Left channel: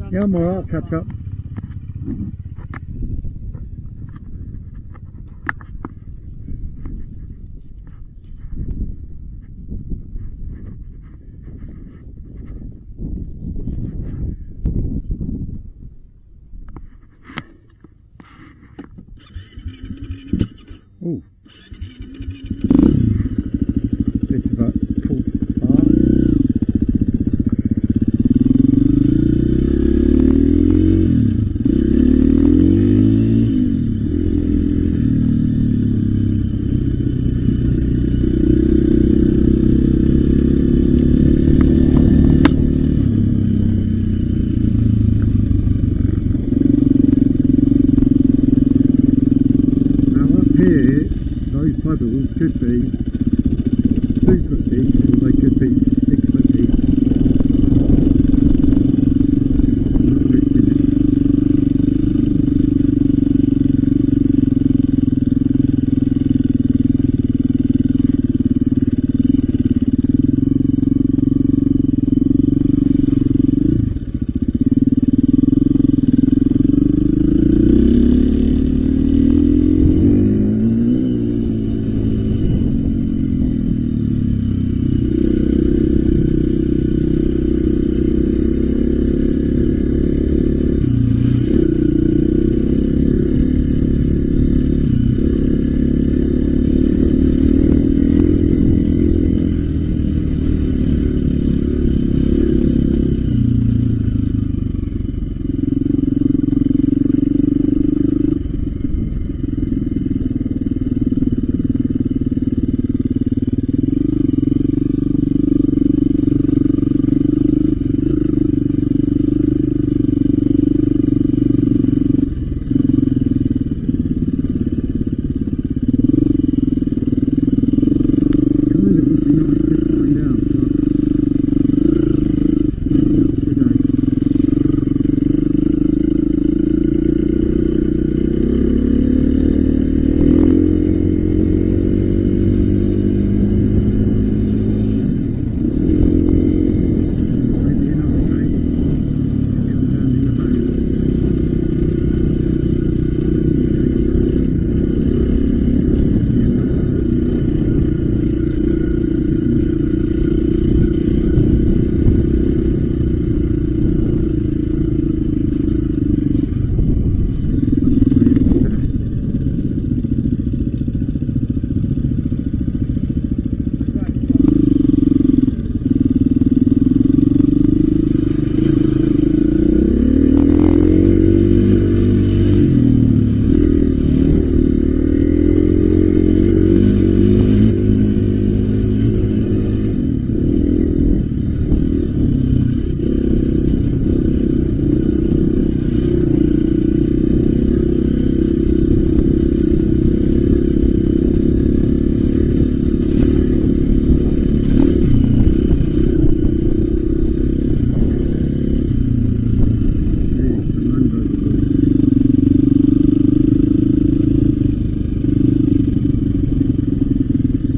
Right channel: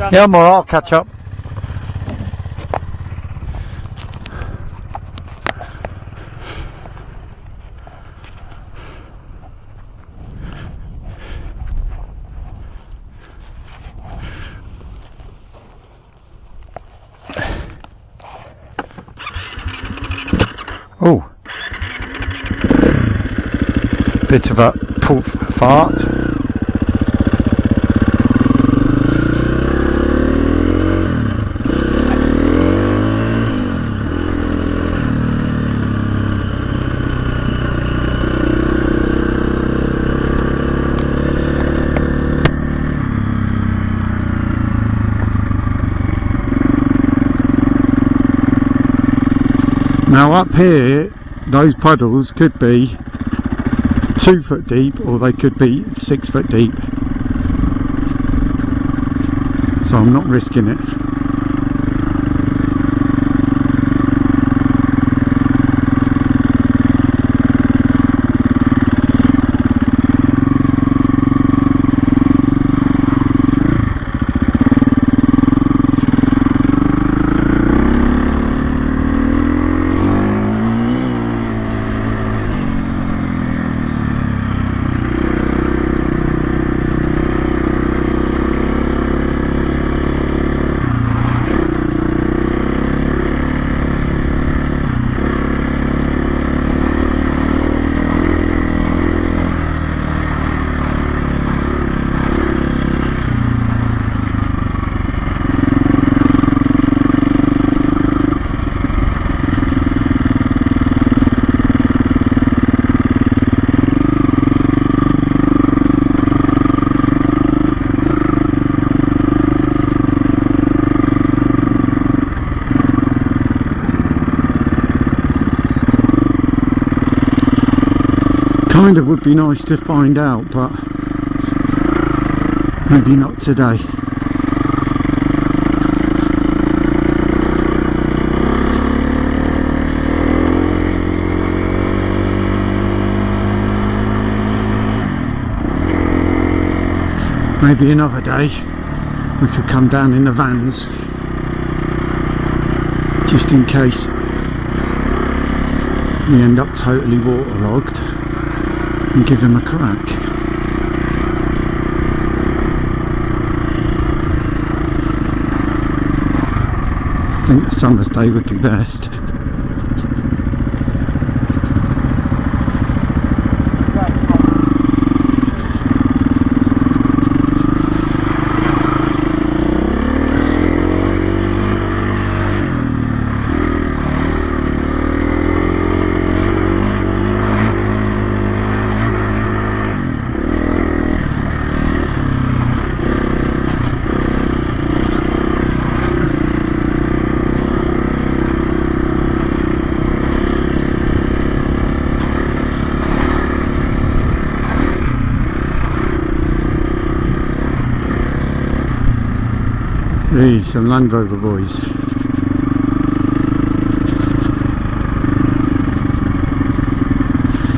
Yeah, I'm alright, I'll catch up. Oh, bit of a poof fart. Now up here, those puddles could be 2 foot deep or they could be 6 foot deep. So I'm not risking it. Kind of would be nice to find out, but maybe not today. Maybe another day we could come down in the vans just in case we end up totally waterlogged, and give him a crack. I think a summer's day would be best. Hey, some Land Rover boys.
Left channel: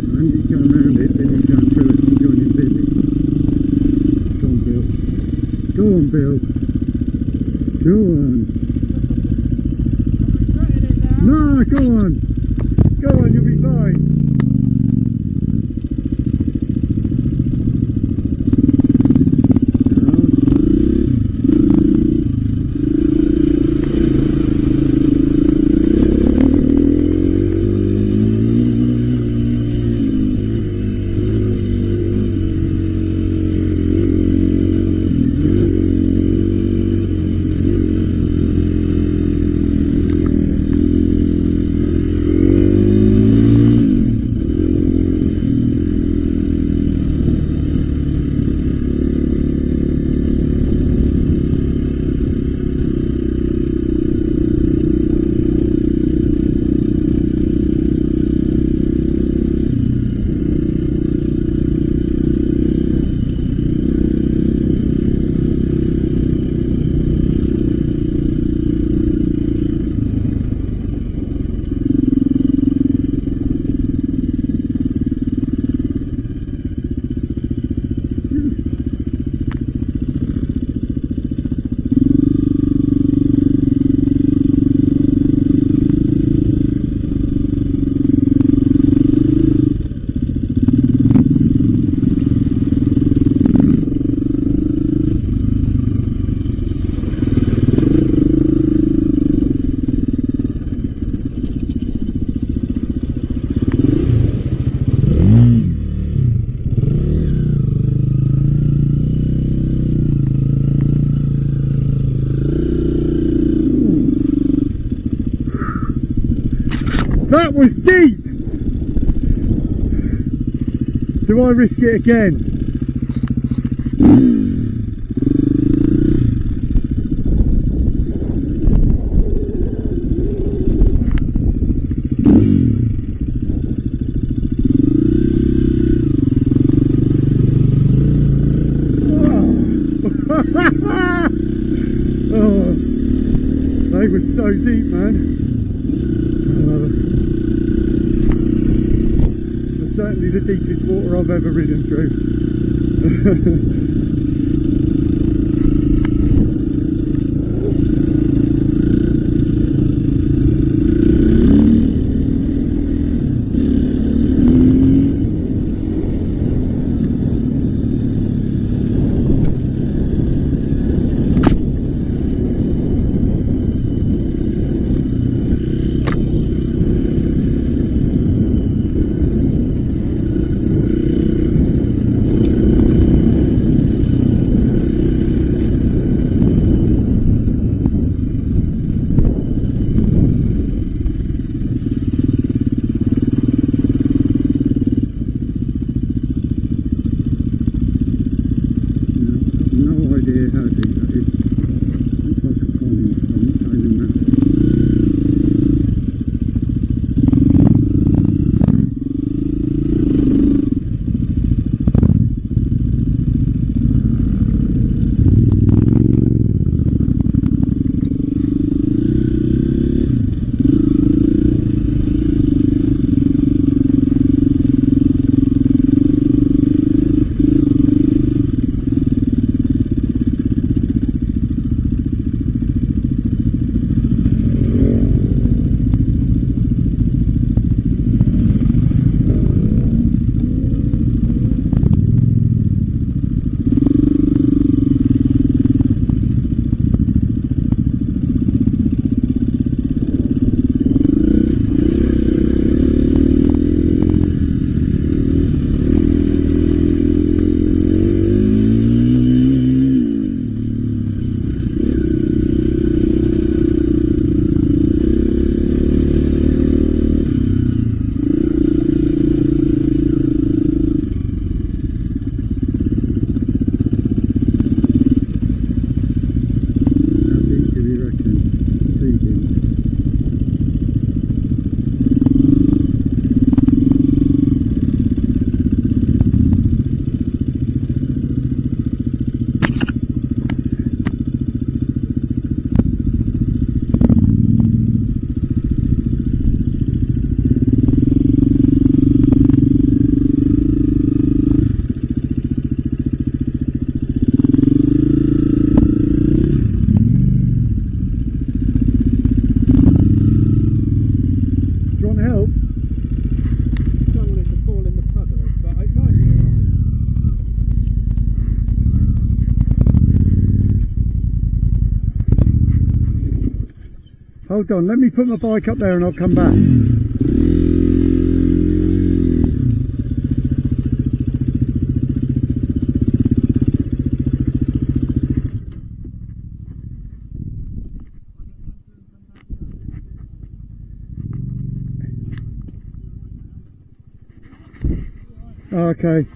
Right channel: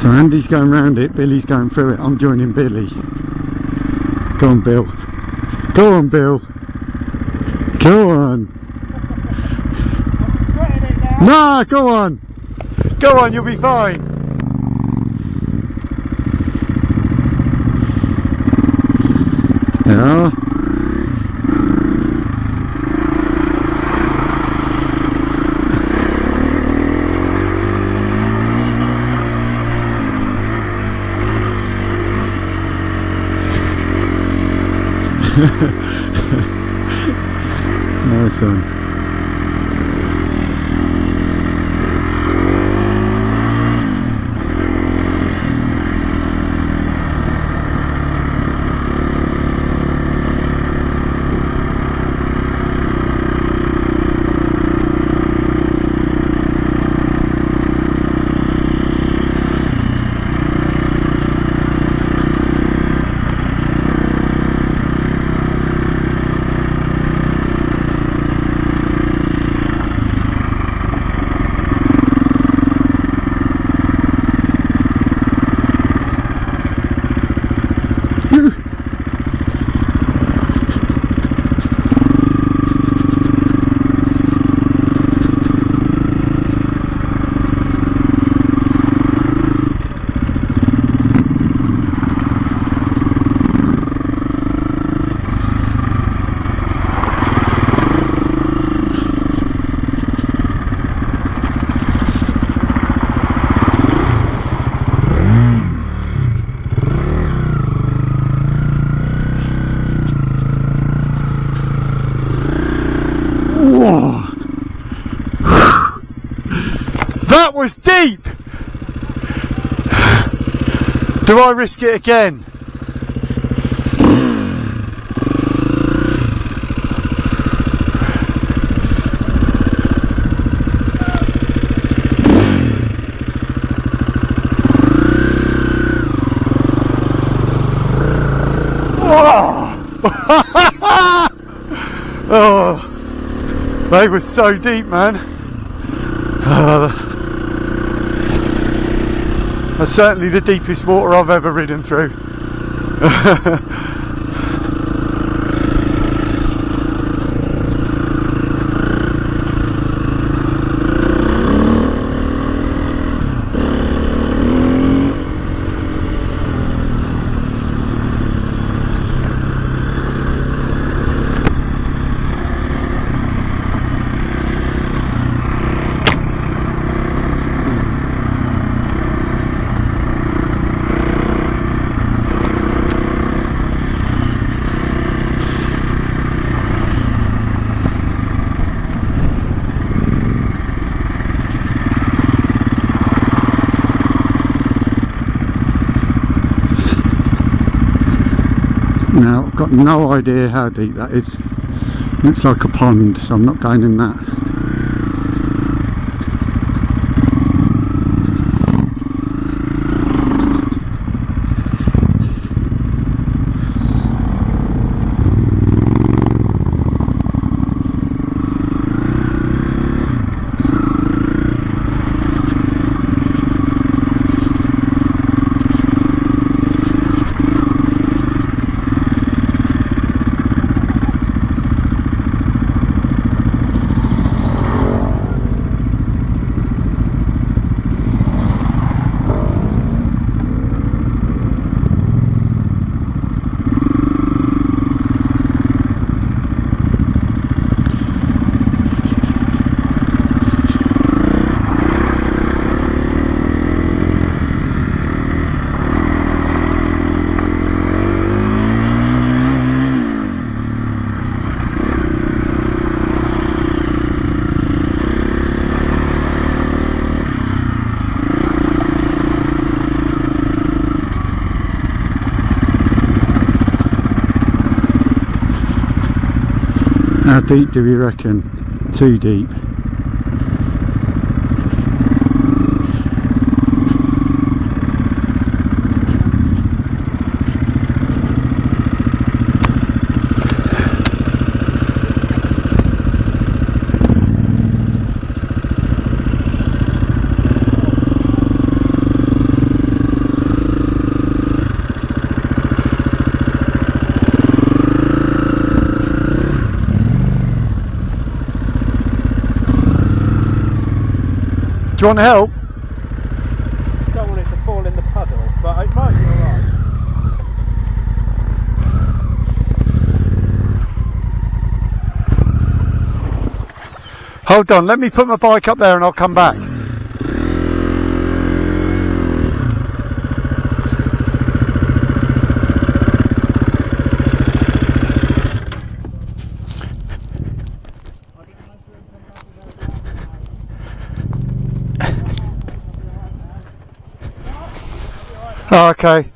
So Andy's going round it, Billy's going through it, I'm joining Billy. Go on, Bill. Go on, Bill. Go on. Nah, go on. Go on, you'll be fine. Yeah. Nice one. was deep! Do I risk it again? Oh, they were so deep, man. That's certainly the deepest water I've ever ridden through. Now, I've got no idea how deep that is. Looks like a pond, so I'm not going in that. How deep do we reckon? Too deep. Do you want help? Don't want it to fall in the puddle, but it might be alright. Hold on, let me put my bike up there and I'll come back. Oh, okay.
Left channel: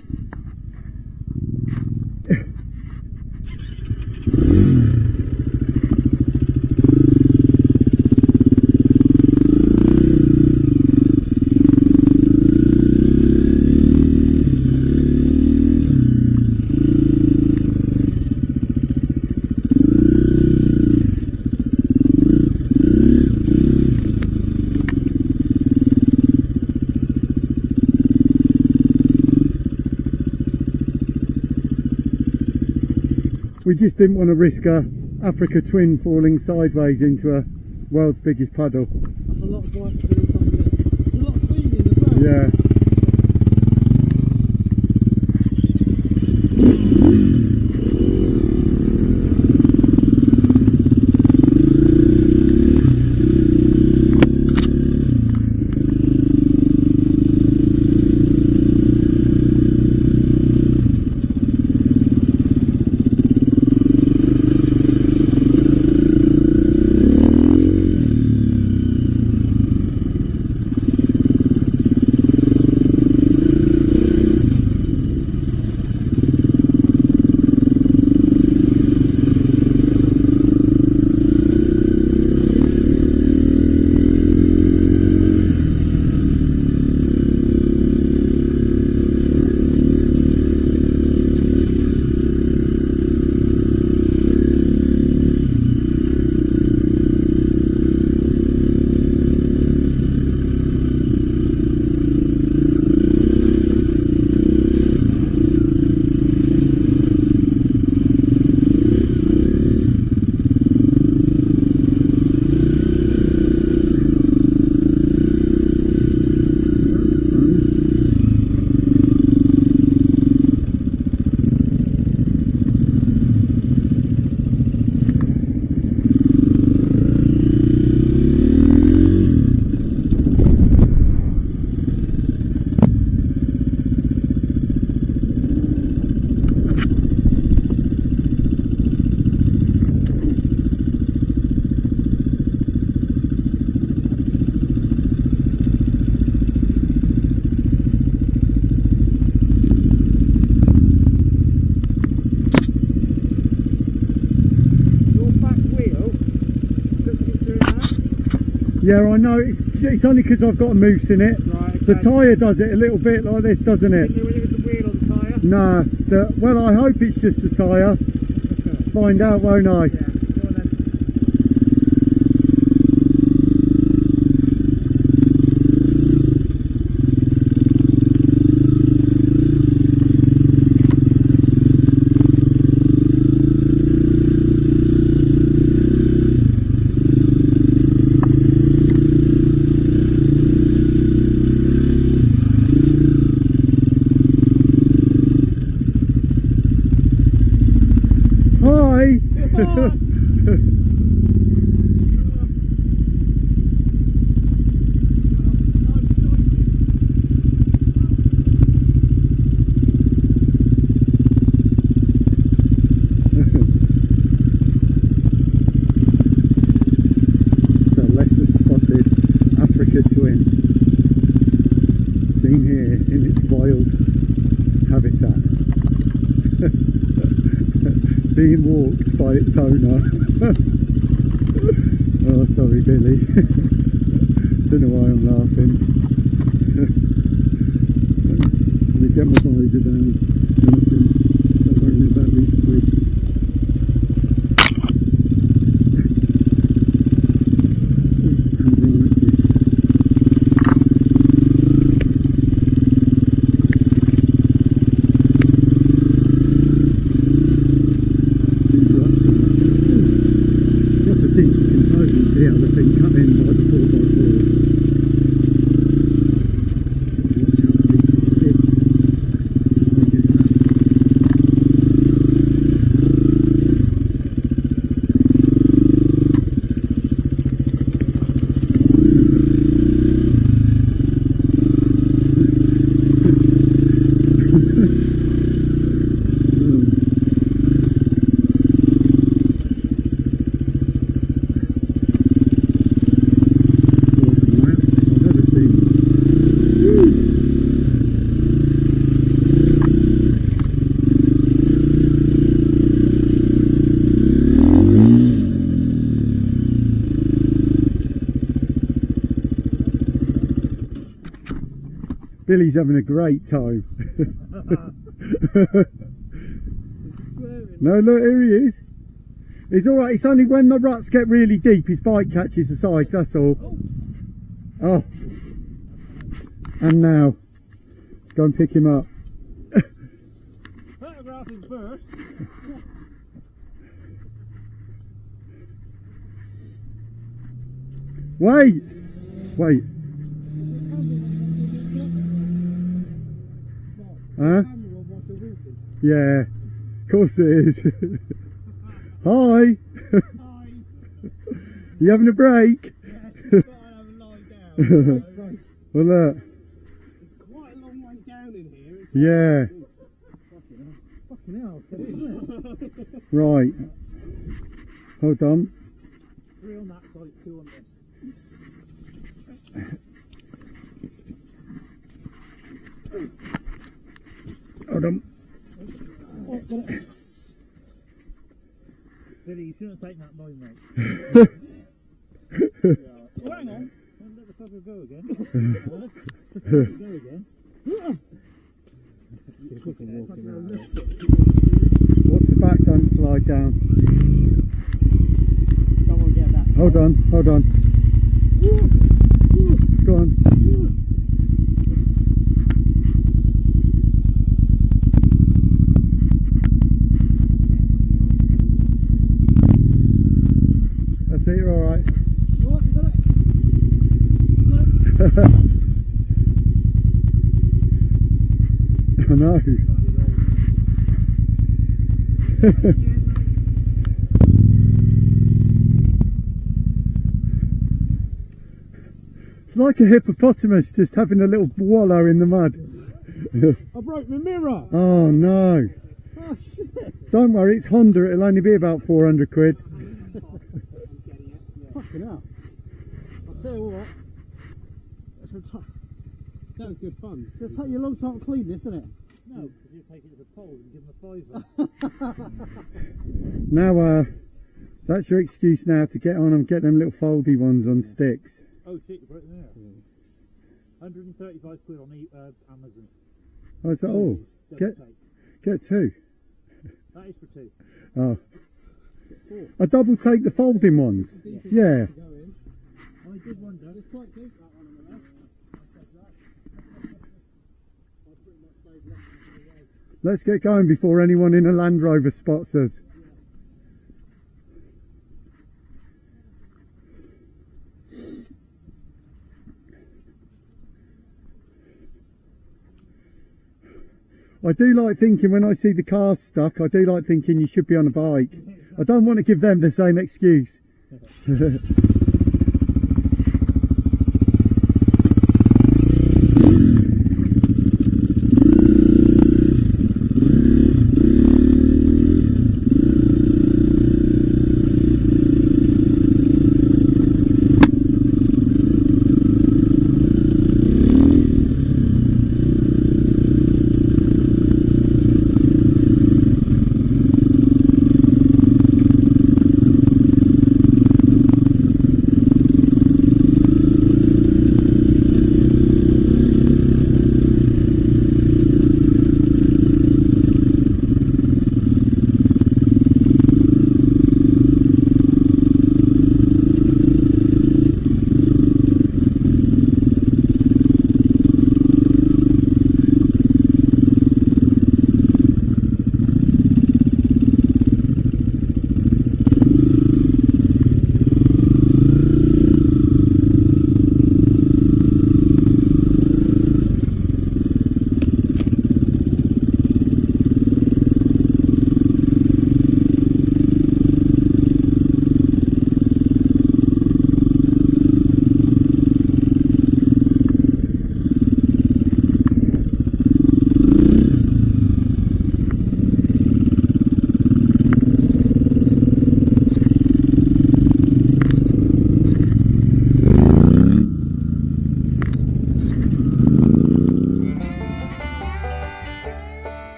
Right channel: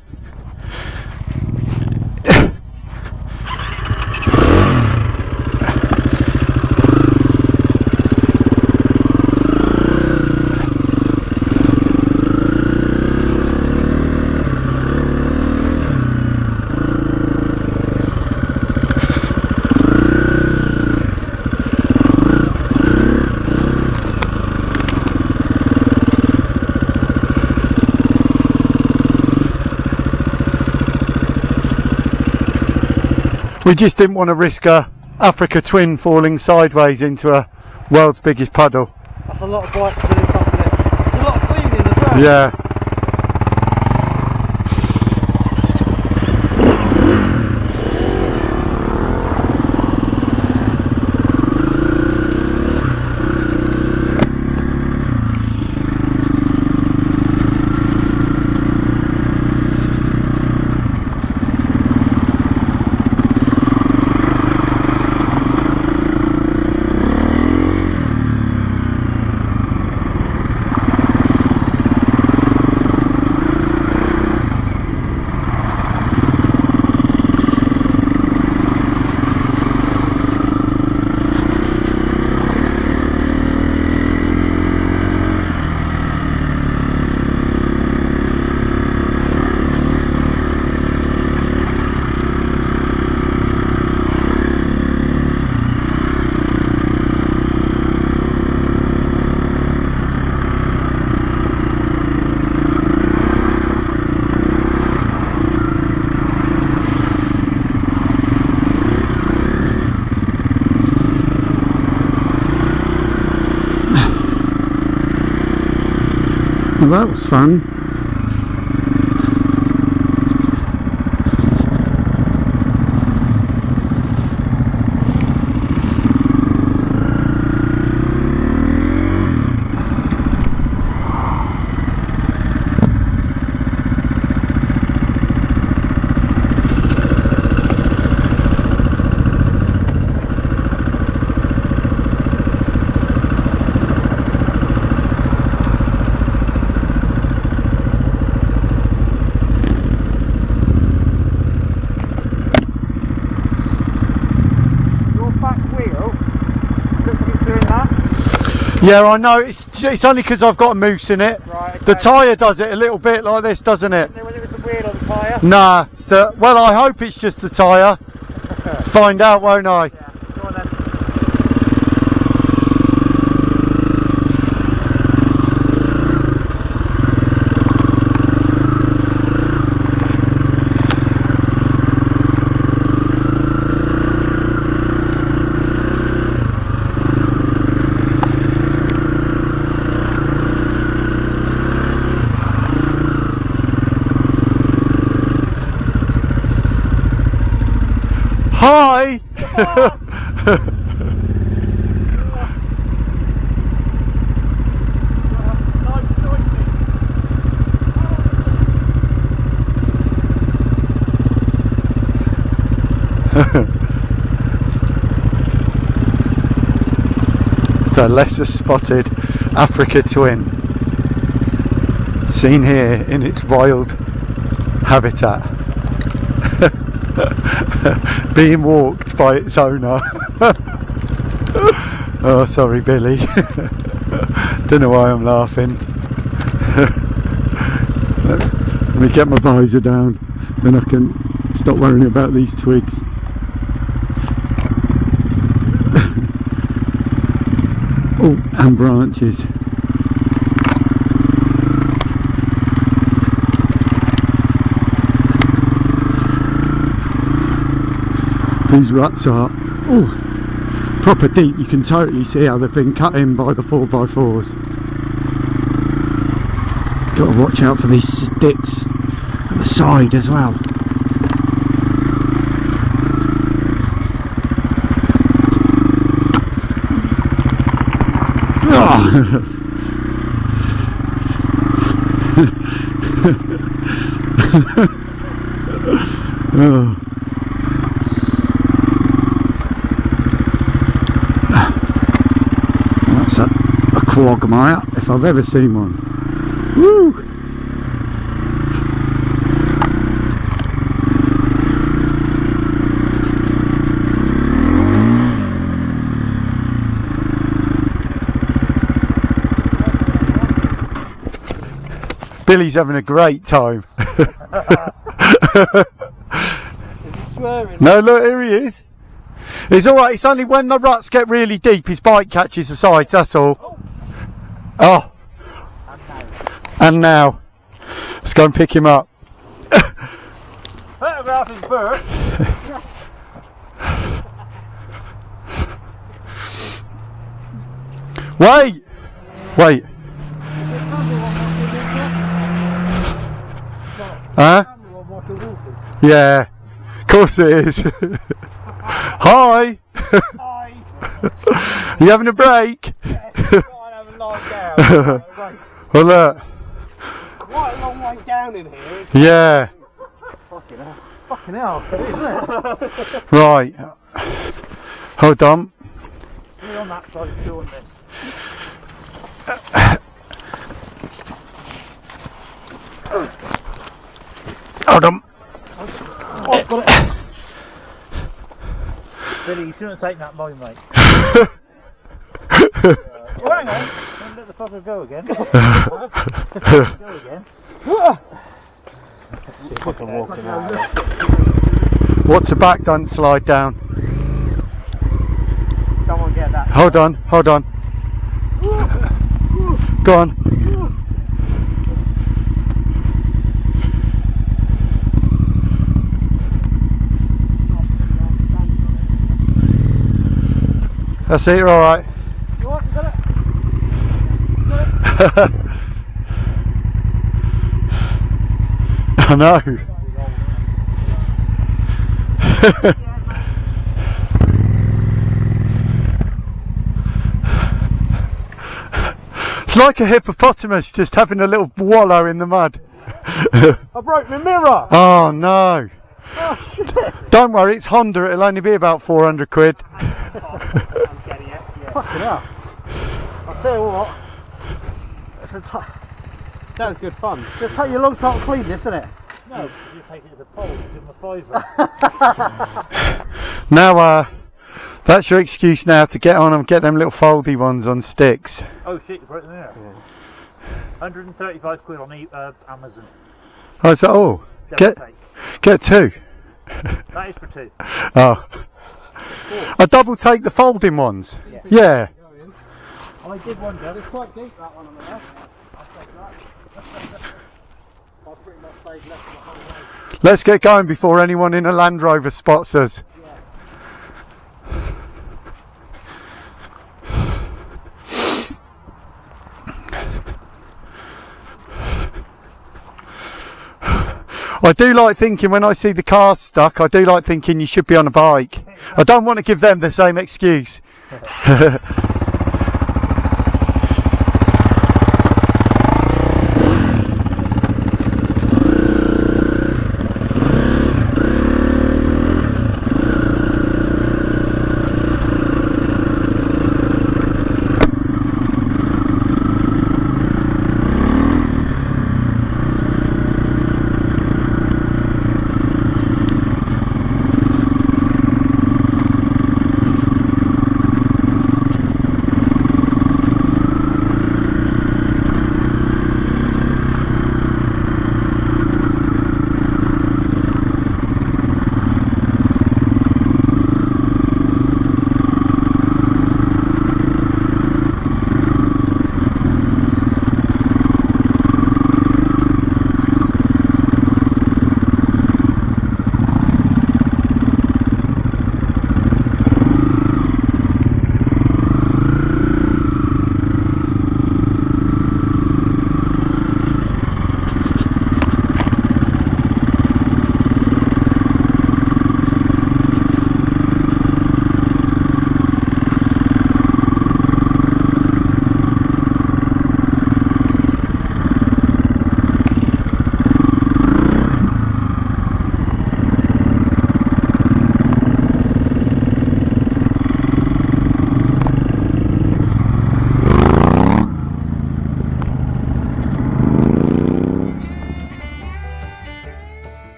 We just didn't want to risk a Africa Twin falling sideways into a world's biggest puddle. That's a lot of bike to do, isn't it? It's a lot of cleaning as well. Yeah. Well, that was fun. Yeah, I know. It's only because I've got a moose in it. Right, okay. The tyre does it a little bit like this, doesn't it? Didn't know whether it was the wheel or the tyre? Nah. Well, I hope it's just the tyre. Find out, won't I? Yeah, go on then. Hi! The lesser spotted Africa twin, seen here in its wild habitat, being walked by its owner. Oh, sorry, Billy. Don't know why I'm laughing. Let me get my visor down, then I can stop worrying about these twigs. Oh, and branches. These ruts are proper deep. You can totally see how they've been cut in by the 4x4s. Got to watch out for these sticks at the side as well. Oh. That's a quagmire if I've ever seen one. Woo! Billy's having a great time. No, look, here he is. It's alright, it's only when the ruts get really deep his bike catches the sides, that's all. Oh. And now, let's go and pick him up. Photographing first. Wait! Wait. Huh? Yeah, of course it is. Hi! Hi. You having a break? Yeah, try and have a lie down. Well, look. Quite a long way down in here. Yeah. Fucking hell, isn't it? Right. Hold on. We're on that side doing this. Hold on. Oh, I've got it. Billy, you shouldn't have taken that line, mate. Oh, hang on. Don't let the fucker go again. Go again. See if I can walk him out. What's the back done? Slide down. Don't want to get that. Hold on, hold on. Go on. That's it, you're alright. You what? You got it? You got it? I know. It's like a hippopotamus just having a little wallow in the mud. I broke my mirror! Oh no. Oh shit! Don't worry, it's Honda, it'll only be about 400 quid. Fucking hell. I'll tell you what. That was good fun. It'll take you a long time to clean this, isn't it? No, you take it as a pole, give them a fiver. Now, that's your excuse now to get on and get them little foldy ones on sticks. Oh shit, you broke them there. 135 quid on Amazon. Oh, so, oh, get two. That is for two. Oh. I double take the folding ones. Yeah. I did wonder, it's quite deep that one on the left. I'll take that. I pretty much stayed left the whole way. Let's get going before anyone in a Land Rover spots us. I do like thinking when I see the cars stuck, I do like thinking you should be on a bike. I don't want to give them the same excuse.